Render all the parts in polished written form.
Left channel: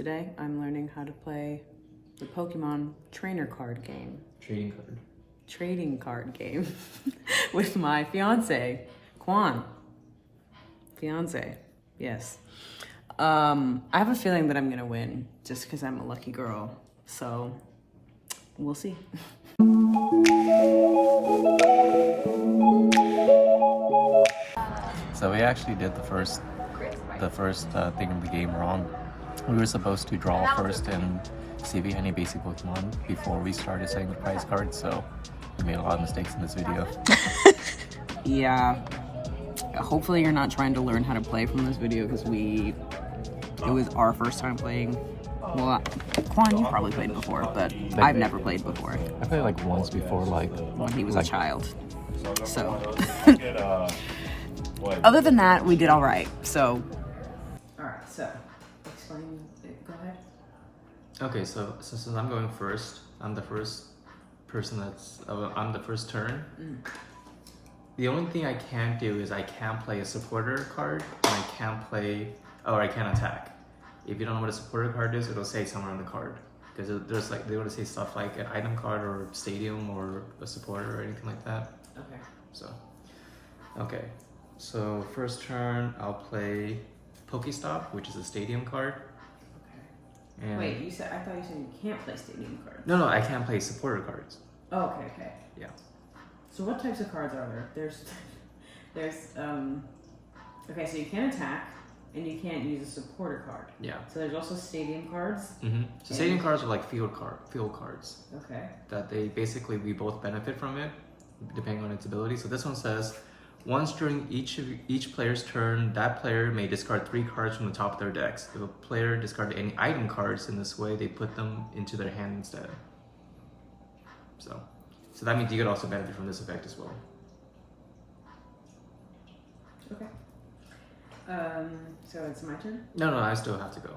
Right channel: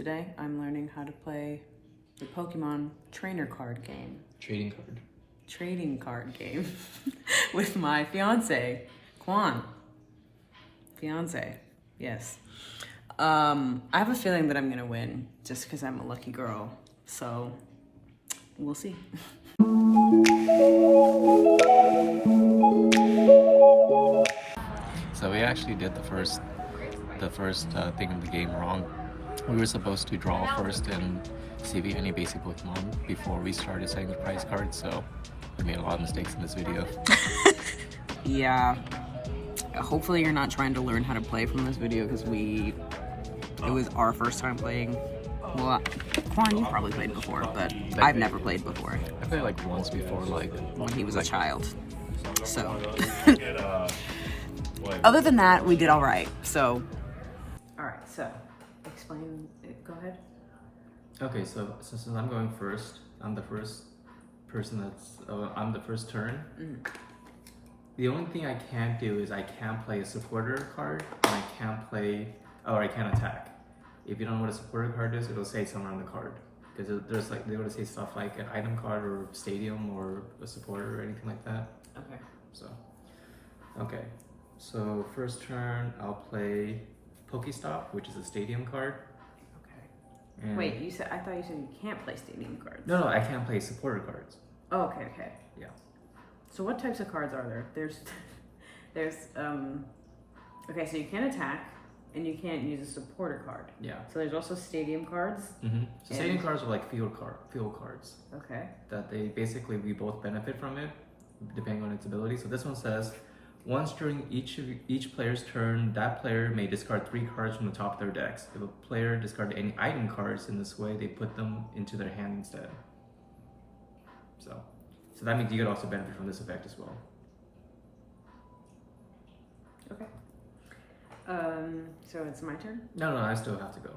Today I'm learning how to play the Pokemon trainer card game. Trading card game with my fiance, Quan. Fiance, yes. I have a feeling that I'm gonna win just because I'm a lucky girl. So we'll see. So we actually did the first thing of the game wrong. We were supposed to draw first and see if we had any basic Pokemon before we started setting the prize cards, so we made a lot of mistakes in this video. Yeah. Hopefully you're not trying to learn how to play from this video because it was our first time playing. Well, Quan, you probably played before, but I've never played before. I played like once before, like when he was a child. So other than that, we did all right. So all right, so explain it. Go ahead. Okay, so since I'm going first, I'm the first person I'm the first turn. The only thing I can't do is I can't play a supporter card, and I can't attack. If you don't know what a supporter card is, it'll say somewhere on the card. Because there's like, they would say stuff like an item card or stadium or a supporter or anything like that. Okay. So first turn, I'll play Pokestop, which is a stadium card. And wait, I thought you said you can't play stadium cards. No, I can't play supporter cards. Oh, okay. Yeah. So what types of cards are there? There's okay, so you can't attack and you can't use a supporter card. Yeah. So there's also stadium cards. So stadium cards are like field cards. Okay. That we both benefit from it, depending on its ability. So this one says, once during each player's turn, that player may discard 3 cards from the top of their decks. If a player discarded any item cards in this way, they put them into their hand instead. So that means you could also benefit from this effect as well. Okay. So it's my turn? No, I still have to go.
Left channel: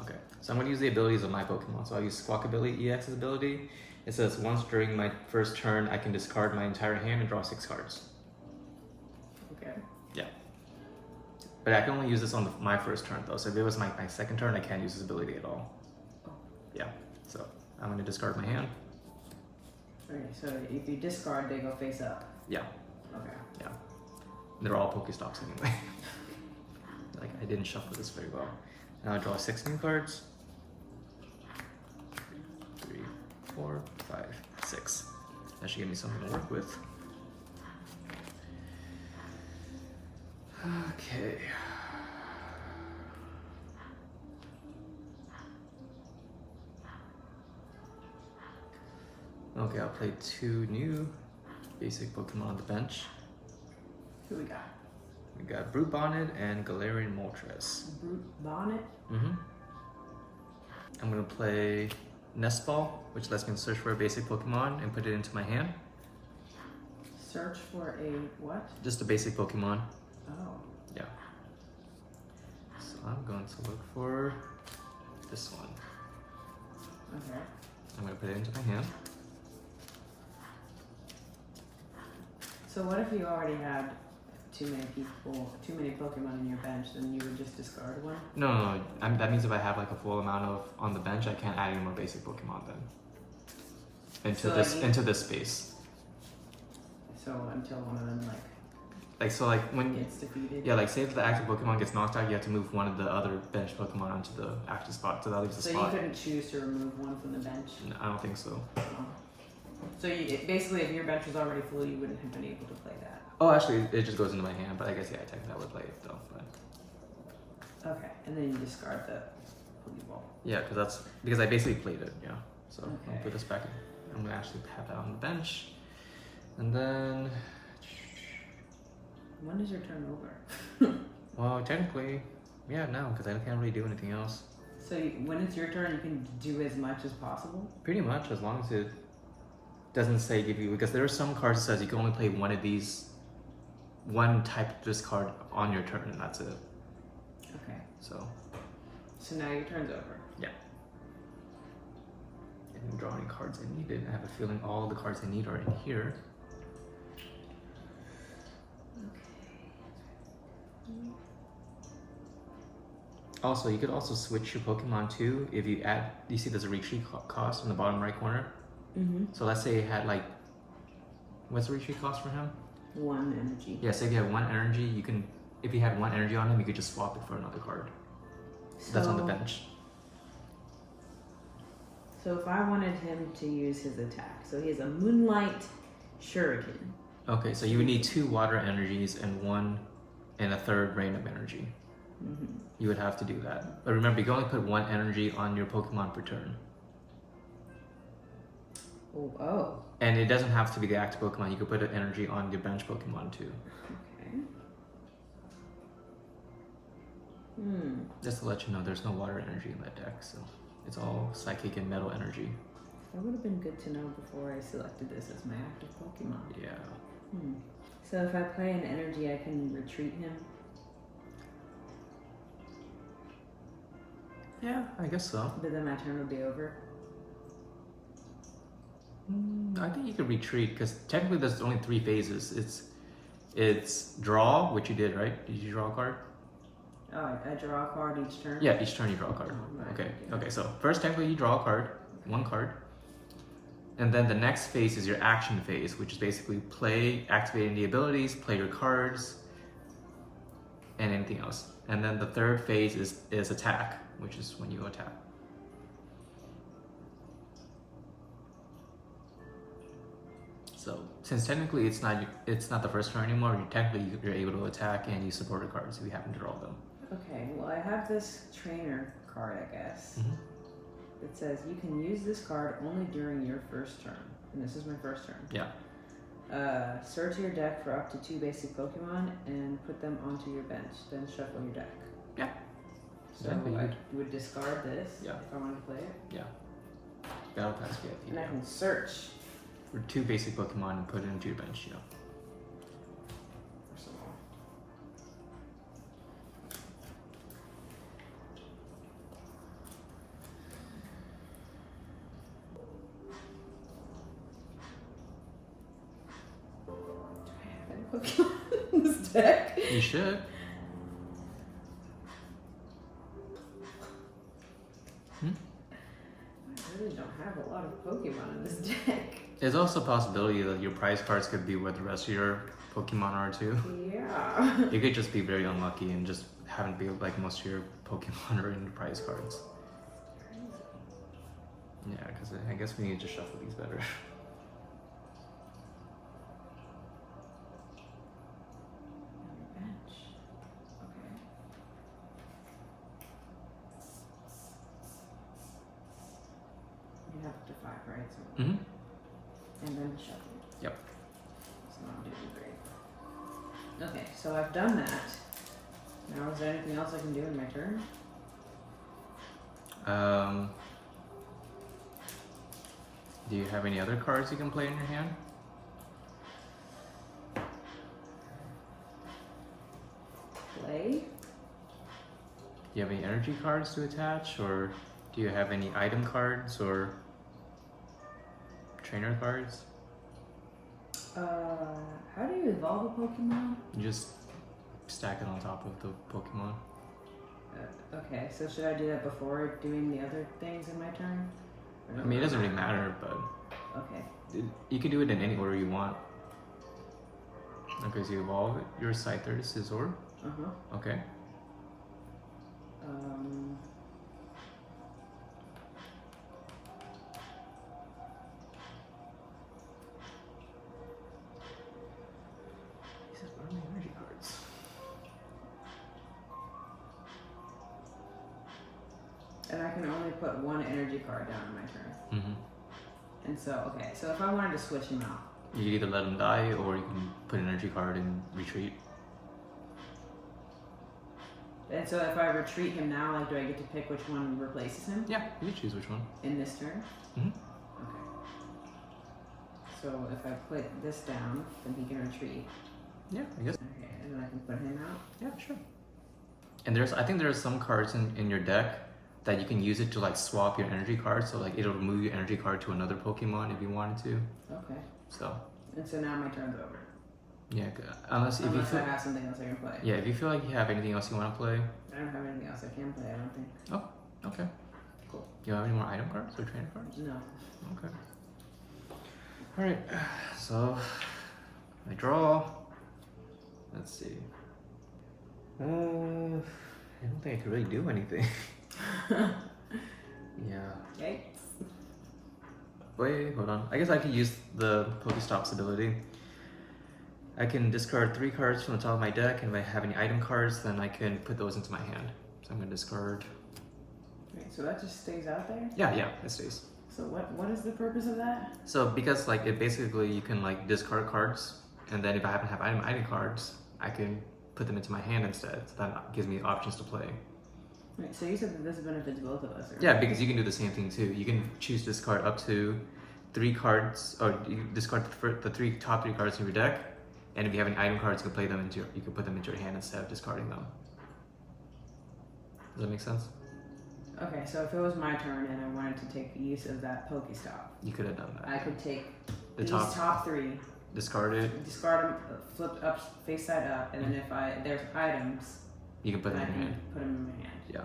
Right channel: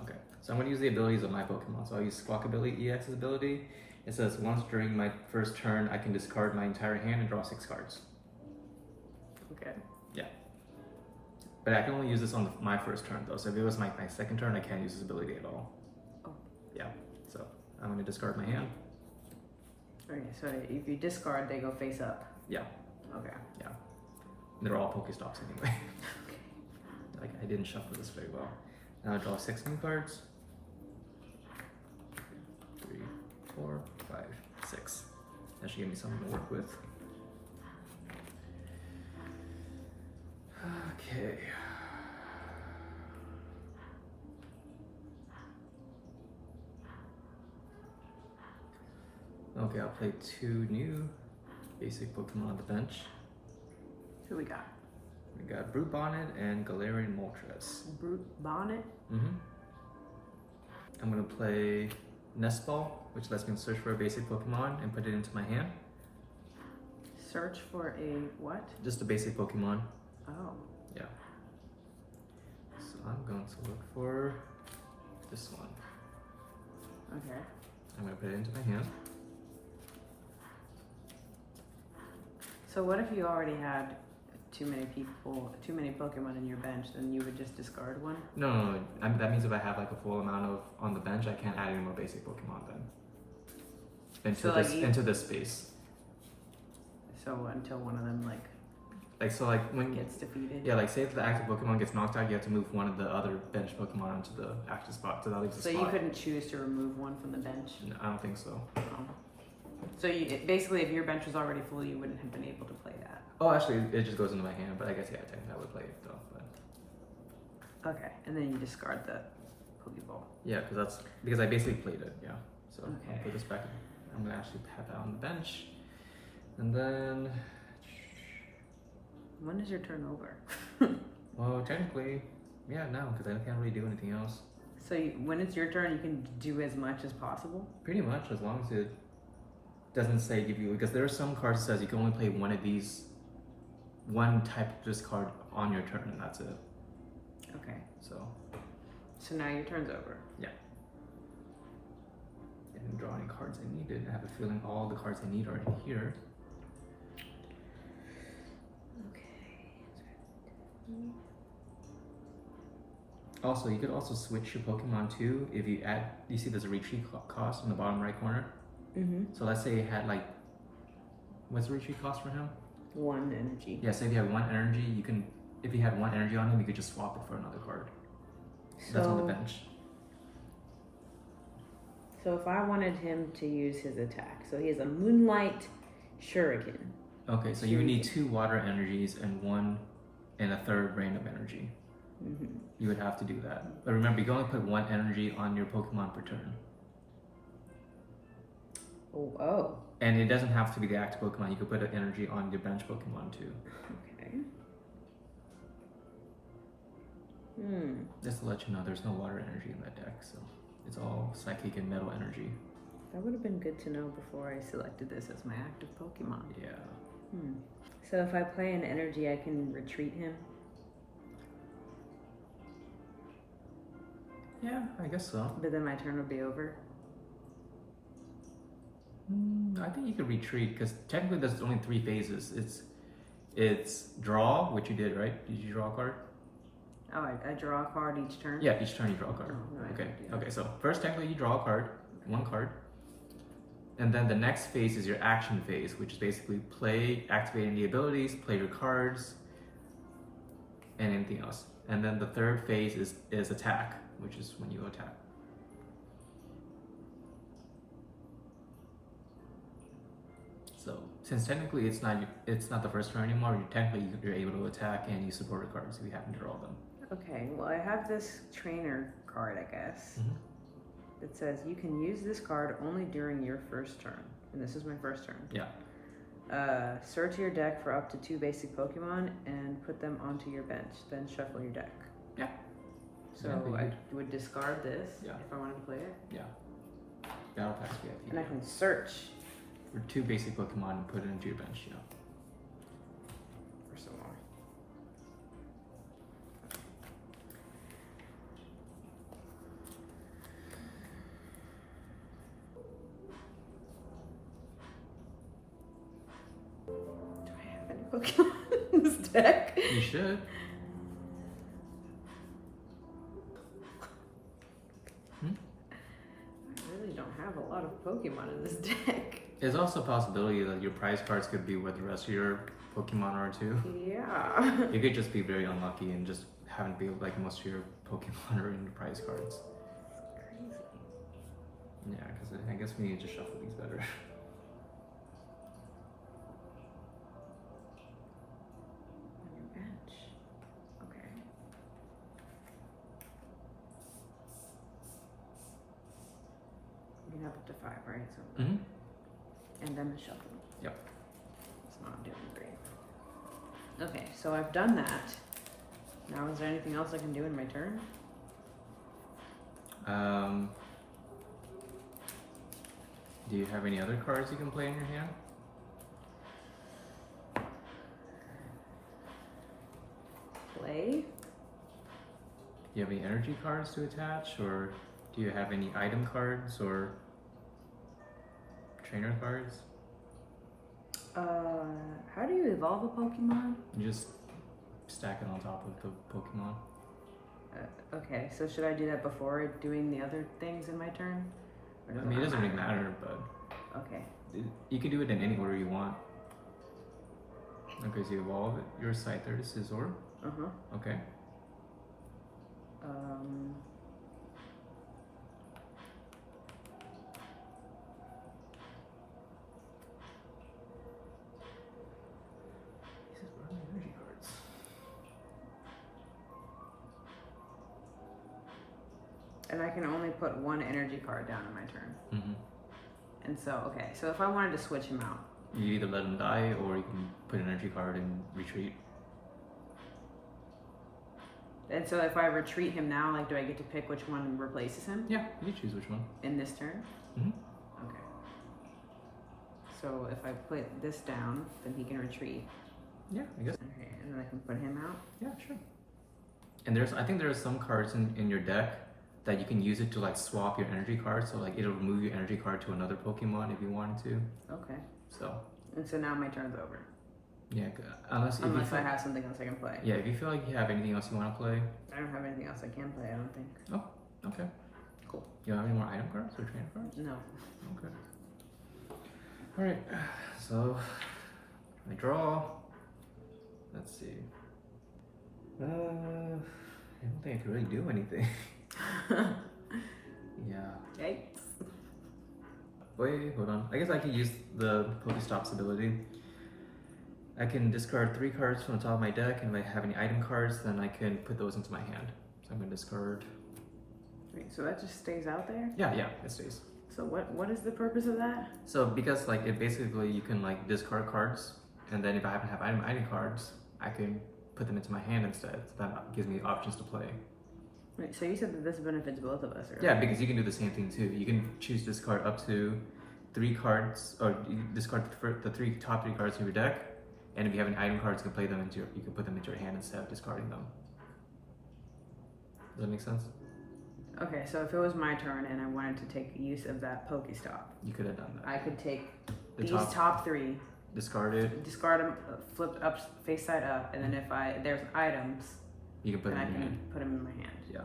Okay. So I'm going to use the abilities of my Pokemon. So I'll use Squawkabilly EX's ability. It says, once during my first turn, I can discard my entire hand and draw 6 cards. Okay. Yeah. But I can only use this on my first turn though. So if it was my second turn, I can't use this ability at all. Oh. Yeah. So I'm going to discard my hand. Okay, so if you discard, they go face up. Yeah. Okay. Yeah. They're all Pokestops anyway. Like, I didn't shuffle this very well. Now I draw 6 new cards. 3, 4, 5, 6. That should give me something to work with. Okay. Okay, I'll play 2 new basic Pokemon on the bench. Who we got? We got Brute Bonnet and Galarian Moltres. Brute Bonnet? I'm gonna play Nest Ball, which lets me search for a basic Pokemon and put it into my hand. Search for a what? Just a basic Pokemon. Oh. Yeah. So I'm going to look for this one. Okay. I'm gonna put it into my hand. So what if you already had too many Pokemon in your bench, then you would just discard one? No. That means if I have like a full amount on the bench, I can't add any more basic Pokemon then. Into this space. So until one of them when gets defeated? Yeah, like say if the active Pokemon gets knocked out, you have to move one of the other bench Pokemon onto the active spot. So that leaves the spot. So you couldn't choose to remove one from the bench? No, I don't think so. Oh. So basically, if your bench was already full, you wouldn't have been able to play that. Oh, actually, it just goes into my hand, but I guess technically I would play it though. But... Okay, and then you discard the Pokeball. Yeah, because I basically played it. Yeah, so okay. I'll put this back. I'm gonna actually pat that on the bench, and then. When is your turn over? Well, technically, yeah, no, because I can't really do anything else. So when it's your turn, you can do as much as possible? Pretty much, as long as it doesn't say give you, because there are some cards that says you can only play one of these, one type of this card on your turn, and that's it. Okay. So now your turn's over. Yeah. I didn't draw any cards I needed. I have a feeling all the cards I need are in here. Also, you could also switch your Pokemon too if you add. You see, there's a retreat cost in the bottom right corner. Mm-hmm. So let's say you had like, what's the retreat cost for him? 1 energy. Yeah, so if you have 1 energy, you can. If you had 1 energy on him, you could just swap it for another card. That's on the bench. So if I wanted him to use his attack, so he has a Moonlight Shuriken. Okay, so you would need 2 water energies and a third random energy. Mm-hmm. You would have to do that. But remember, you can only put 1 energy on your Pokemon per turn. Oh. And it doesn't have to be the active Pokemon. You could put an energy on your bench Pokemon too. Okay. Hmm. Just to let you know, there's no water energy in that deck, so it's all psychic and metal energy. That would have been good to know before I selected this as my active Pokemon. Yeah. Hmm. So if I play an energy, I can retreat him? Yeah, I guess so. But then my turn would be over? I think you could retreat, because technically there's only 3 phases. It's draw, which you did, right? Did you draw a card? Oh, I draw a card each turn? Yeah, each turn you draw a card. Oh, right. Okay, so first technically you draw a card, 1 card. And then the next phase is your action phase, which is basically play, activating the abilities, play your cards, and anything else. And then the third phase is attack, which is when you attack. So since technically it's not the first turn anymore, you're able to attack and you support your cards if you happen to draw them. Okay, well I have this trainer card, I guess. Mm-hmm. It says you can use this card only during your first turn. And this is my first turn. Yeah. Search your deck for up to 2 basic Pokemon and put them onto your bench. Then shuffle your deck. Yeah. So I would discard this if I wanted to play it. Yeah. Battle Pass VIP. And I can search for 2 basic Pokemon and put it into your bench, yeah. for some more. Do I have any Pokemon in this deck? You should. I really don't have a lot of Pokemon in this deck. There's also a possibility that your prize cards could be where the rest of your Pokemon are too. Yeah. You could just be very unlucky and just happen to be like most of your Pokemon are in your prize cards. Crazy. Yeah, because I guess we need to shuffle these better. On your bench. Okay. You have up to 5, right? So, Mm-hmm. and then the shuffle. Yep. It's not doing great. Okay, so I've done that. Now, is there anything else I can do in my turn? Do you have any other cards you can play in your hand? Play? Do you have any energy cards to attach, or do you have any item cards or trainer cards? How do you evolve a Pokemon? You just stack it on top of the Pokemon. Okay, so should I do that before doing the other things in my turn? I mean, it doesn't really matter, but Okay. you can do it in any order you want. Okay, so you evolve your Scyther to Scizor. Uh-huh. Okay. These are only energy cards. And I can only put 1 energy card down in my turn. Mm-hmm. And so, okay, so if I wanted to switch him out, You can either let him die, or you can put an energy card and retreat. and so if I retreat him now, like, do I get to pick which one replaces him Yeah, you can choose which one. in this turn? Mm-hmm. Okay. So if I put this down, then he can retreat. Yeah, I guess. Okay, and then I can put him out. Yeah, sure. And I think there's some cards in your deck that you can use it to like swap your energy card. So like it'll move your energy card to another Pokemon if you wanted to. Okay. So And so now my turn's over. Yeah, unless I have something else I can play. Yeah, if you feel like you have anything else you want to play. I don't have anything else I can play, I don't think. Oh, okay. Cool. Do you have any more item cards or trainer cards? No. Okay. Alright, so I draw. Let's see. I don't think I can really do anything. Yeah. Yikes. Wait, hold on. I guess I could use the Pokestops ability. I can discard 3 cards from the top of my deck, and if I have any item cards, then I can put those into my hand. So I'm gonna discard. Wait, so that just stays out there? Yeah, it stays. So what is the purpose of that? So because like it basically you can like discard cards, and then if I happen to have item cards, I can put them into my hand instead. So that gives me options to play. Wait, so you said that this benefits both of us, right? Yeah, because you can do the same thing too. You can choose to discard up to 3 cards, or you discard the top 3 cards in your deck, and if you have any item cards, you can play them into you can put them into your hand instead of discarding them. Does that make sense? Okay, so if it was my turn and I wanted to take use of that Pokestop, You could have done that. I could take The these top 3, discard it. discard them, flip up, face side up, and then if there's items, You can put then them I in your can hand. put them in my hand. Yeah.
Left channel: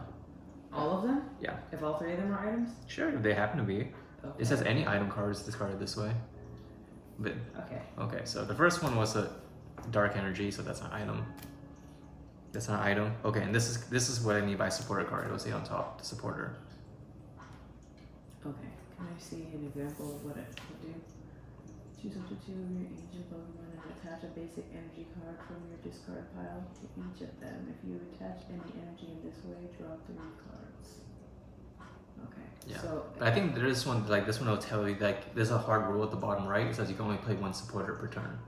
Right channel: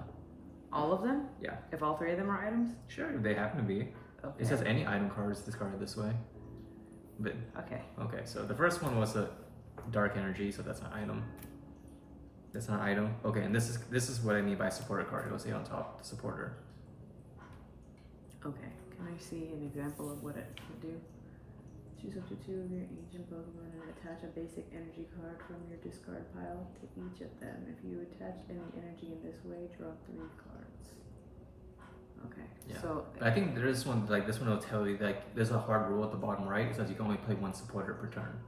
All of them? Yeah. If all 3 of them are items? Sure, if they happen to be. Okay. It says any item cards discarded this way. But Okay. so the first one was a dark energy, so that's an item. That's not an item. Okay, and this is what I mean by supporter card. It will say on top, the supporter. Okay. Can I see an example of what it would do? Choose up to 2 of your ancient Pokemon and attach a basic energy card from your discard pile to each of them. If you attach any energy in this way, draw 3 cards. Okay. Yeah. So But I think this one will tell you like there's a hard rule at the bottom right. It says you can only play 1 supporter per turn.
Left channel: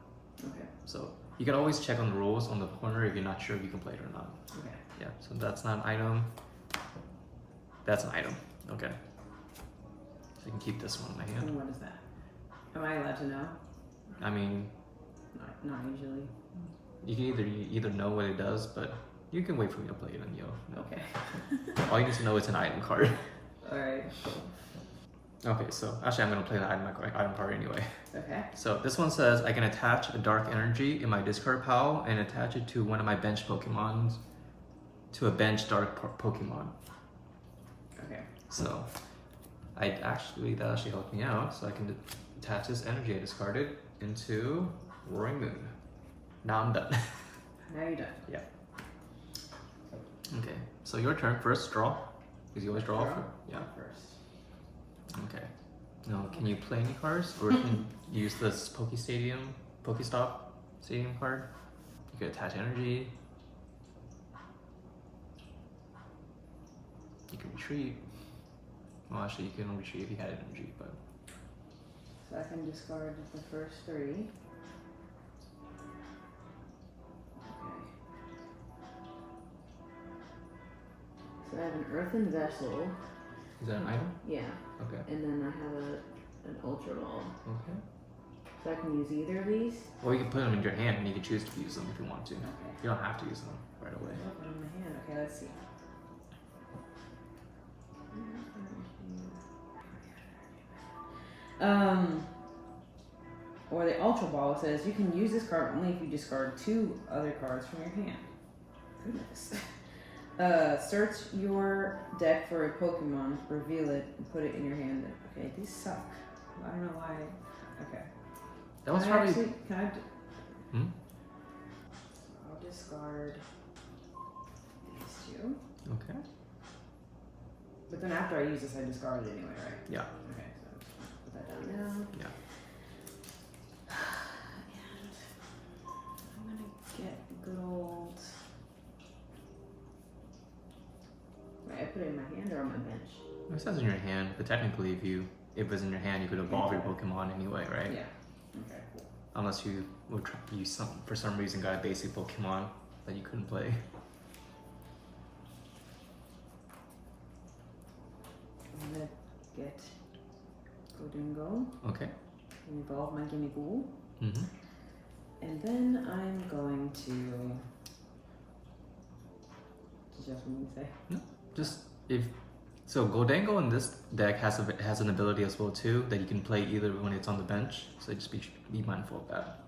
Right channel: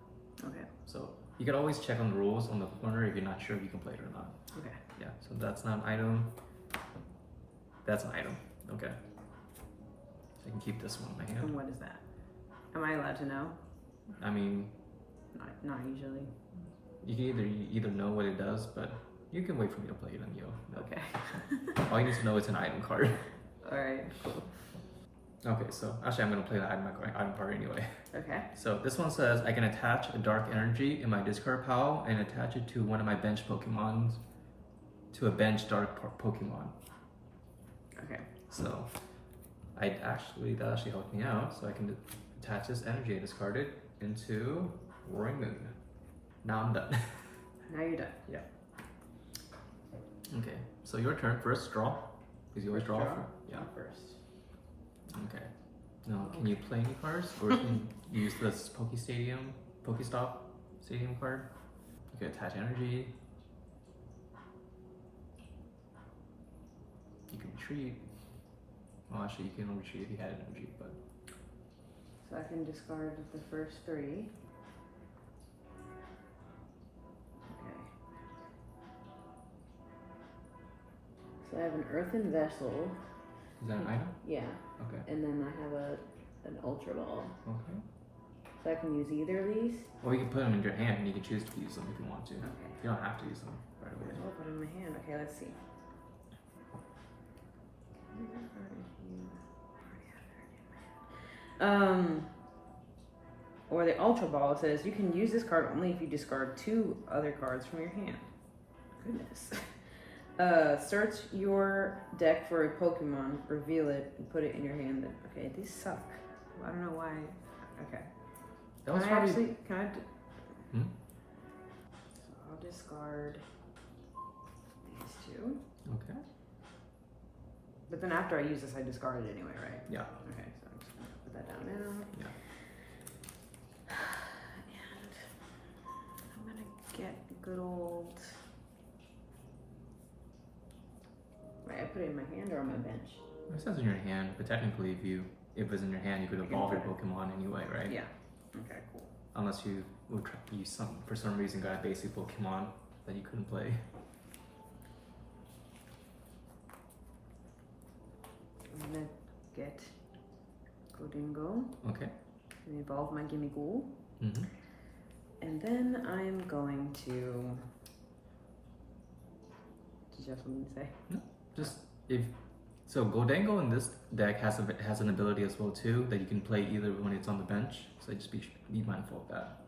okay. So you can always check on the rules on the corner if you're not sure if you can play it or not. Okay. Yeah. So that's not an item. That's an item. Okay. So I can keep this one in my hand. And what is that? Am I allowed to know? I mean, Not usually. you can either know what it does, but you can wait for me to play it and you'll know. Okay. All you need to know is an item card. Alright. Okay, so actually I'm gonna play the item card anyway. Okay. So this one says I can attach a dark energy in my discard pile and attach it to one of my bench Pokemon, to a bench dark Pokemon. Okay. So that actually helped me out. So I can attach this energy I discarded into Roaring Moon. Now I'm done. Now you're done. Yeah. Okay, so your turn. First draw, because you always draw. Yeah. First. Okay. Now, can you play any cards, or can you use this Pokestop Stadium card? You can attach energy. You can retreat. Well, actually, you can retreat if you had energy, but. So I can discard the first 3. Okay. So I have an earthen vessel. Is that an item? Yeah. Okay. And then I have an ultra ball. Okay. So I can use either of these? Well, you can put them in your hand and you can choose to use them if you want to. Okay. You don't have to use them right away. I'll put it in my hand. Okay, let's see. Or the Ultra Ball says you can use this card only if you discard 2 other cards from your hand. Goodness. Search your deck for a Pokemon, reveal it, and put it in your hand. Okay, these suck. I don't know why. Okay. That was Can I probably. actually, can I Hmm? I'll discard these 2. Okay. But then after I use this, I discard it anyway, right? Yeah. Okay, so I'm just gonna put that down now. Yeah. And I'm gonna get a good old. Wait, I put it in my hand or on my bench? It says in your hand, but technically, if it's in your hand, you could evolve your Pokemon anyway, right? Yeah. Okay, cool. Unless you would for some reason got a basic Pokemon that you couldn't play. I'm gonna get Godingo Okay. and evolve my Gimmighoul. Mm-hmm. And then I'm going to. Did you have something to say? Just if so, Goldango in this deck has an ability as well too that you can play either when it's on the bench. So just be mindful of that.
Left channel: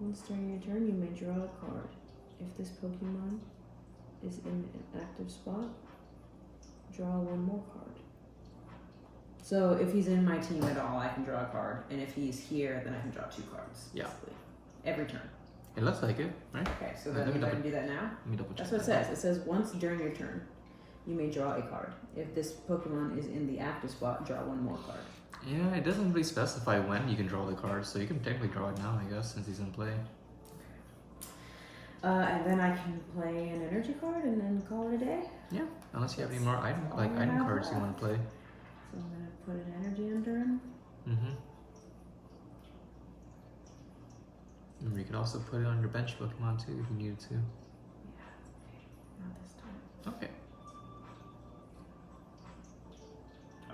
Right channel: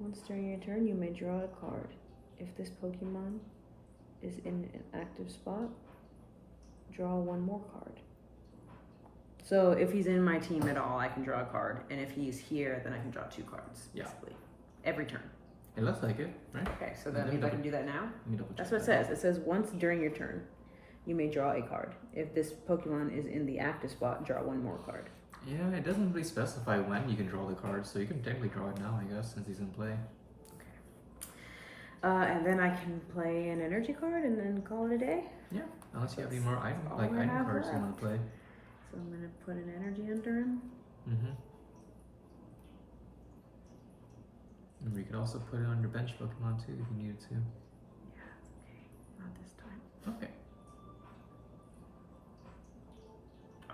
Once during your turn, you may draw a card. If this Pokemon is in an active spot, draw one more card. So if he's in my team at all, I can draw a card. And if he's here, then I can draw 2 cards. Yeah. Basically. Every turn. It looks like it, right? Okay, so then if I can do that now? Let me double check. That's what it says. It says once during your turn, you may draw a card. If this Pokemon is in the active spot, draw one more card. Yeah, it doesn't really specify when you can draw the card, so you can technically draw it now, I guess, since he's in play. And then I can play an energy card and then call it a day? Yeah, unless you have any more item cards you want to play. So I'm going to put an energy on turn. Mm-hmm. And you could also put it on your bench Pokemon too if you needed to. Yeah, not this time. Okay.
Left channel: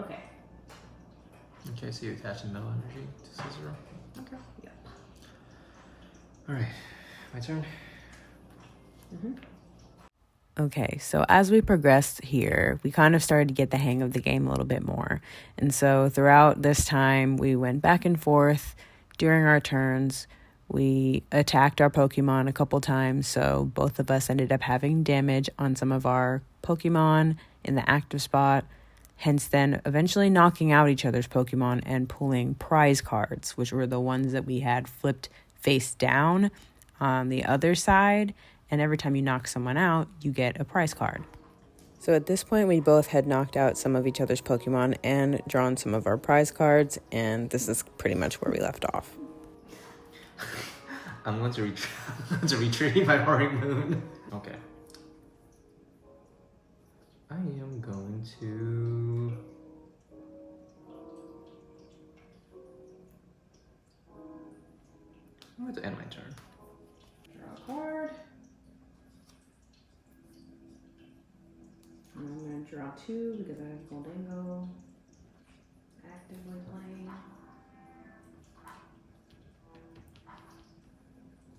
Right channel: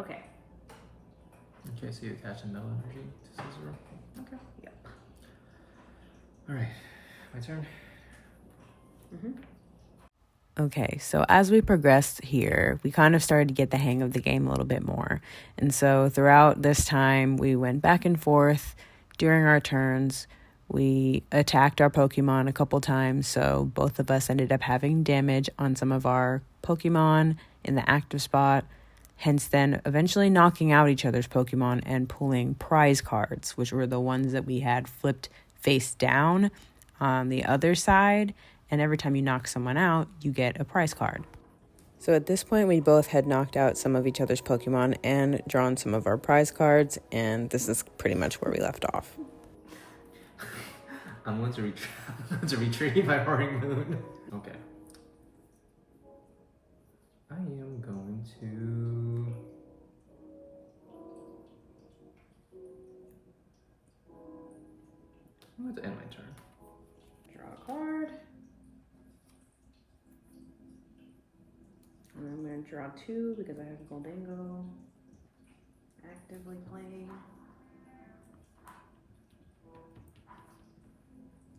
Okay. Okay, so you attach the metal energy to Scissor. Okay. Yep. Alright, my turn. Mm-hmm. Okay, so as we progressed here, we kind of started to get the hang of the game a little bit more. And so throughout this time, we went back and forth during our turns. We attacked our Pokemon a couple times, so both of us ended up having damage on some of our Pokemon in the active spot, hence then eventually knocking out each other's Pokemon and pulling prize cards, which were the ones that we had flipped face down on the other side. And every time you knock someone out, you get a prize card. So at this point, we both had knocked out some of each other's Pokemon and drawn some of our prize cards, and this is pretty much where we left off. I'm going to retrieve my Roaring Moon. Okay. I am going to... I'm going to end my turn. Draw a card. And I'm going to draw 2 because I have Goldango actively playing.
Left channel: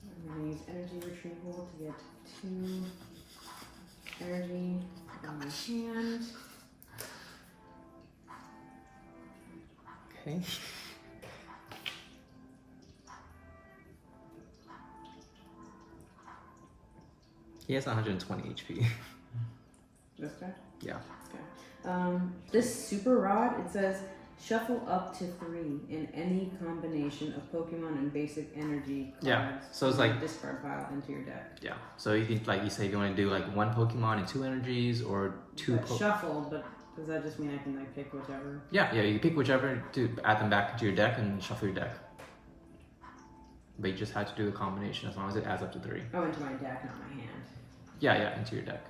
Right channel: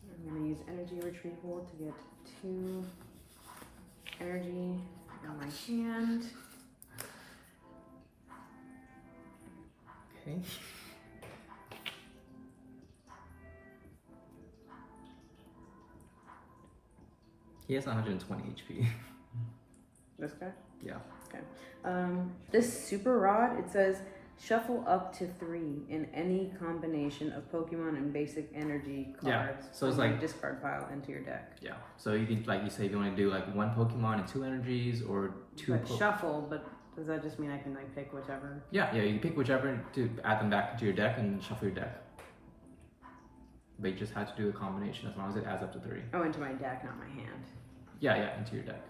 I'm going to use energy retrieval to get 2 energy on my hand. Okay. He has 120 HP. This guy? Yeah. Okay. This super rod, it says shuffle up to 3 in any combination of Pokemon and basic energy cards. Yeah. So it's like discard pile into your deck. Yeah. So you can, like you say, you want to do like 1 Pokemon and 2 energies, or 2. Shuffle, but does that just mean I can like pick whichever? Yeah. You can pick whichever to add them back into your deck and shuffle your deck. But you just have to do a combination as long as it adds up to 3. Oh, into my deck, not my hand. Yeah, into your deck.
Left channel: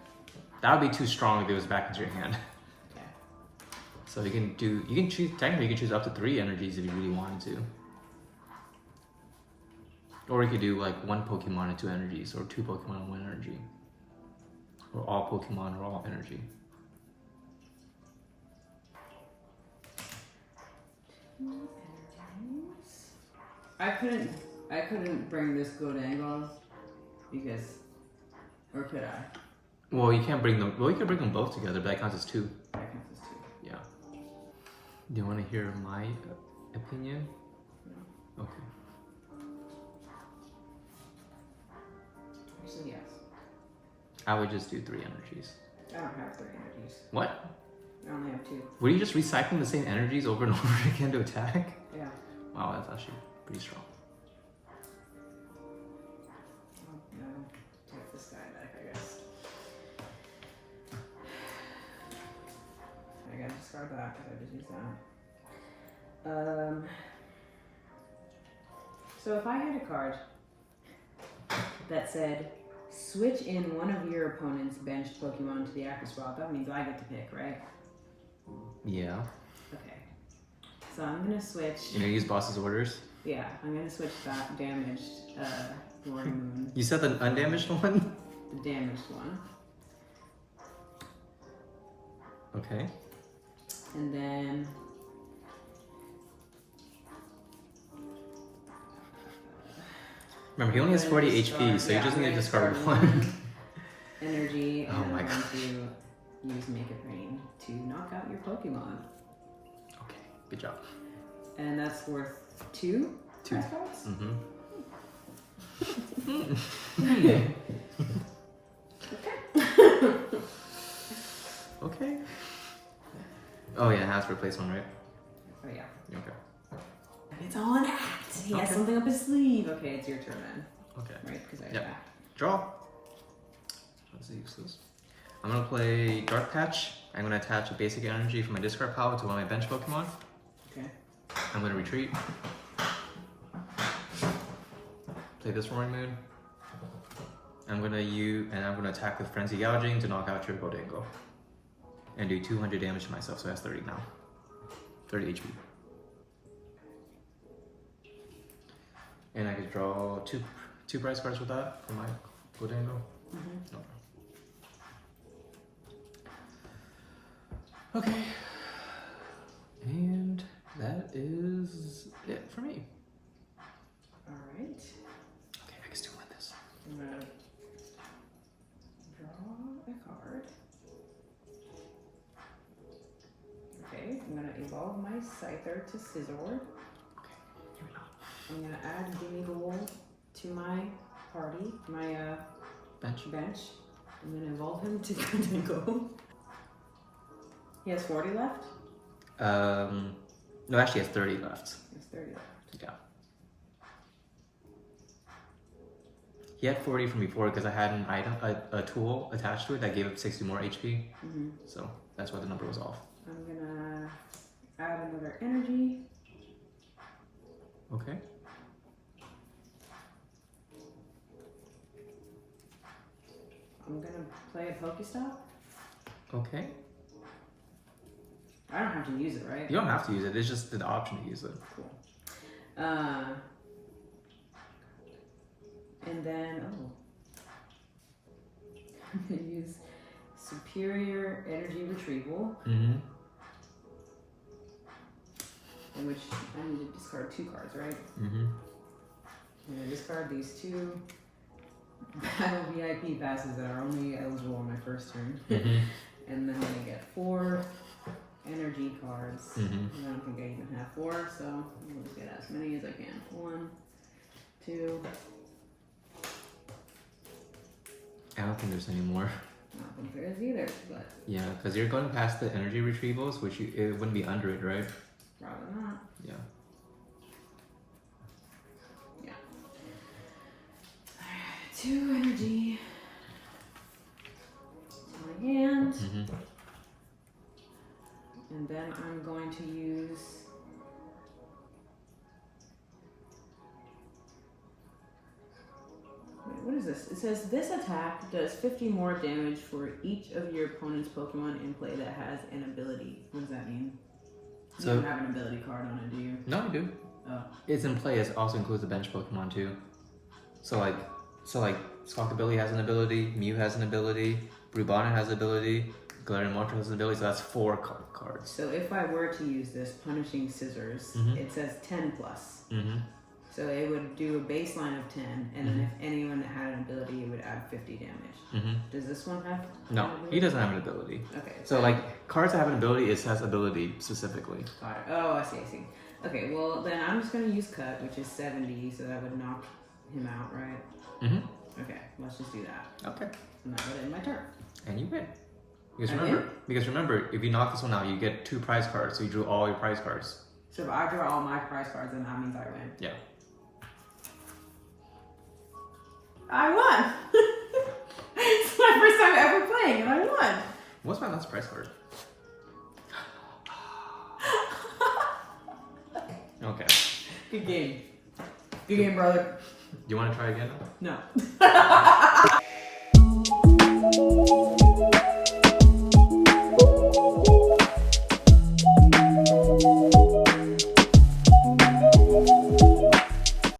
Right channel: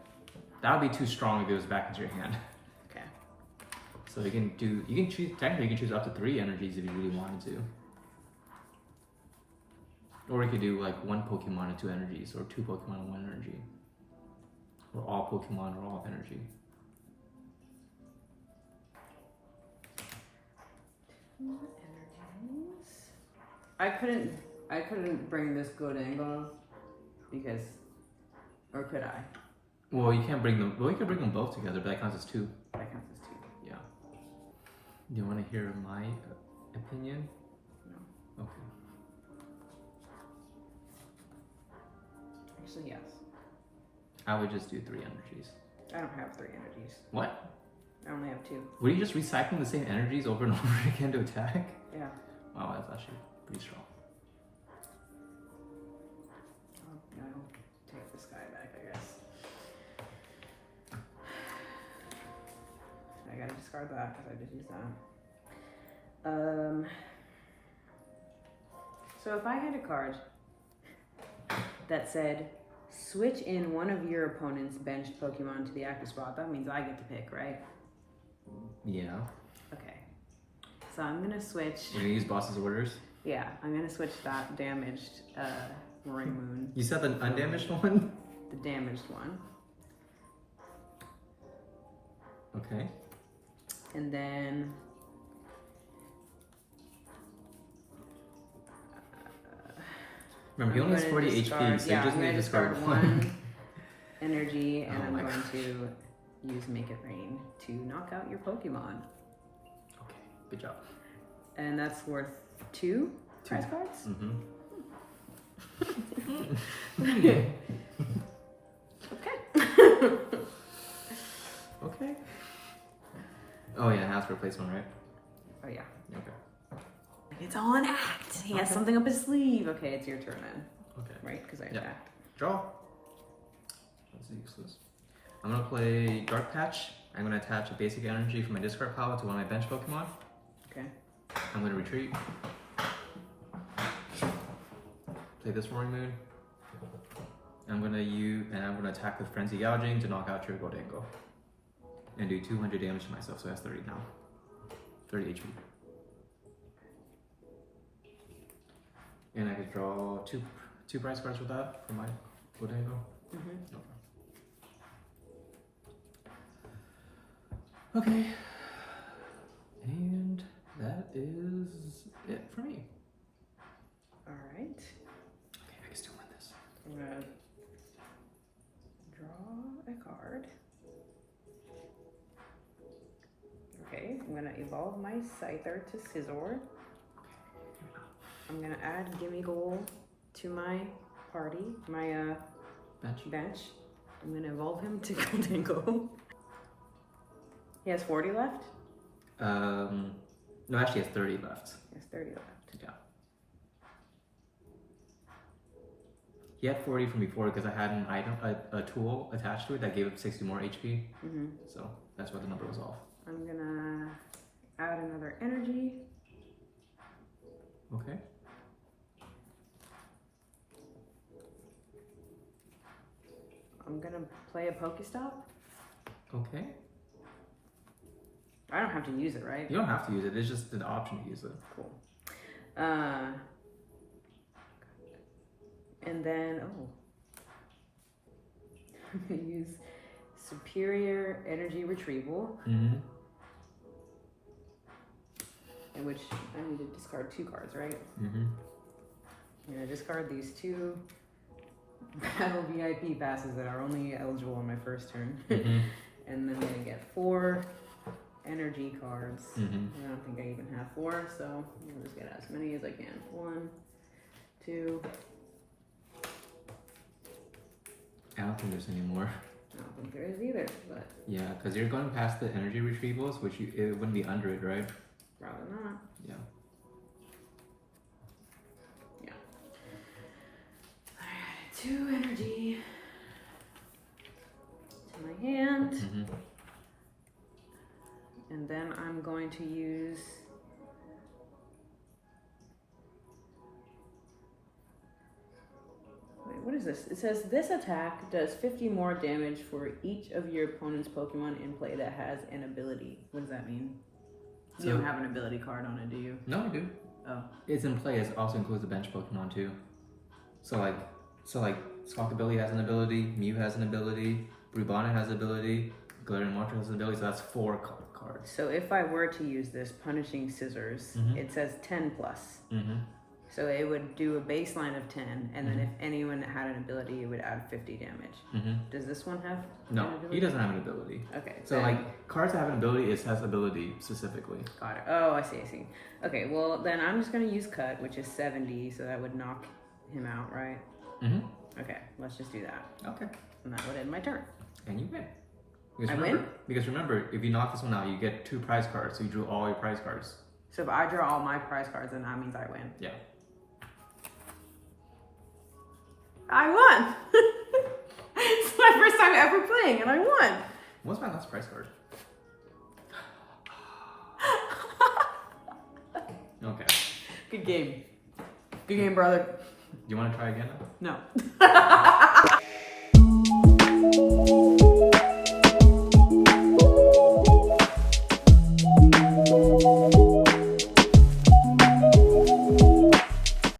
That would be too strong if it was back into your hand. Okay. So you can choose, technically you can choose up to 3 energies if you really wanted to. Or you could do like 1 Pokemon and 2 energies, or 2 Pokemon and 1 energy. Or all Pokemon or all energy. I couldn't bring this Goldango because, or could I? Well, you can't bring them. Well, you can bring them both together, but that counts as 2. That counts as 2. Yeah. Do you want to hear my opinion? No. Okay. Actually, yes. I would just do 3 energies. I don't have 3 energies. What? I only have 2. Were you just recycling the same energies over and over again to attack? Yeah. Wow, that's actually pretty strong. I'll take this guy back, I guess. I gotta discard that because I just used that. So if I had a card that said, switch in one of your opponent's benched Pokemon to the active spot, that means I get to pick, right? Yeah. Okay. So I'm gonna switch. You're gonna use boss's orders? Yeah, I'm gonna switch that damaged Roaring Moon. You said the undamaged one? The damaged one. Okay. And then remember, he only has 40 HP, so you just need to discard 1. Energy, and I'm going gosh. to use Make It Rain to knock out your Pokemon. Okay, good job. And that's worth 2 prize cards? Mm-hmm. Okay. Okay. Oh yeah, it has to replace one, right? Oh yeah. Okay. It's all an act. He has something up his sleeve. Okay, it's your turn then. Okay. Right? Because I attacked. Draw. That's useless. I'm gonna play Dark Patch. I'm gonna attach a basic energy from my discard pile to one of my bench Pokemon. Okay. I'm gonna retreat. Play this Roaring Moon. I'm gonna attack with Frenzy Gouging to knock out your Gholdengo. And do 200 damage to myself, so that's 30 now. 30 HP. And I could draw two prize cards with that for my Gholdengo. Okay. And that is it for me. Alright. Okay, I can still win this. I'm gonna draw a card. Okay, I'm gonna evolve my Scyther to Scizor. I'm gonna add Gimmighoul to my party, my bench. I'm gonna evolve him to Gholdengo. He has 40 left? No, actually he has 30 left. He has 30 left. Yeah. He had 40 from before because I had an item, a tool attached to it that gave up 60 more HP. So that's why the number was off. I'm gonna add another energy. Okay. I'm gonna play a Pokestop. Okay. I don't have to use it, right? You don't have to use it. There's just an option to use it. Cool. And then, I'm gonna use Superior Energy Retrieval, in which I need to discard 2 cards, right? I'm gonna discard these 2 Battle VIP passes that are only eligible on my first turn. And then I'm gonna get 4 energy cards. I don't think I even have 4, so I'll just get as many as I can. 1, 2. I don't think there's any more. I don't think there is either, but Yeah, because you're going past the energy retrievals, which it wouldn't be under it, right? probably not. Yeah. Yeah. 2 energy to my hand. And then I'm going to use what is this? It says this attack does 50 more damage for each of your opponent's Pokemon in play that has an ability. What does that mean? You don't have an ability card on it, do you? No, I do. Oh. It's in play. It also includes the bench Pokemon too. So like Stalkabilly has an ability, Mew has an ability, Brubana has an ability, Galarian Mortal has an ability, so that's 4 cards. So if I were to use this Punishing Scissors, it says 10 plus. So it would do a baseline of 10, and then if anyone that had an ability, it would add 50 damage. Does this one have No, he doesn't have an ability. Okay. So like, cards that have an ability, it has ability specifically. Got it. Oh, I see, I see. Okay, well then I'm just gonna use Cut, which is 70, so that would knock him out, right? Okay, let's just do that. Okay. And that would end my turn. And you win. Because I remember, win? Because remember, if you knock this one out, you get 2 prize cards, so you drew all your prize cards. So if I draw all my prize cards, then that means I win. Yeah. I won! It's my first time ever playing, and I won! What's my last prize card? Okay. Good game. Good game, brother. You want to try again? No.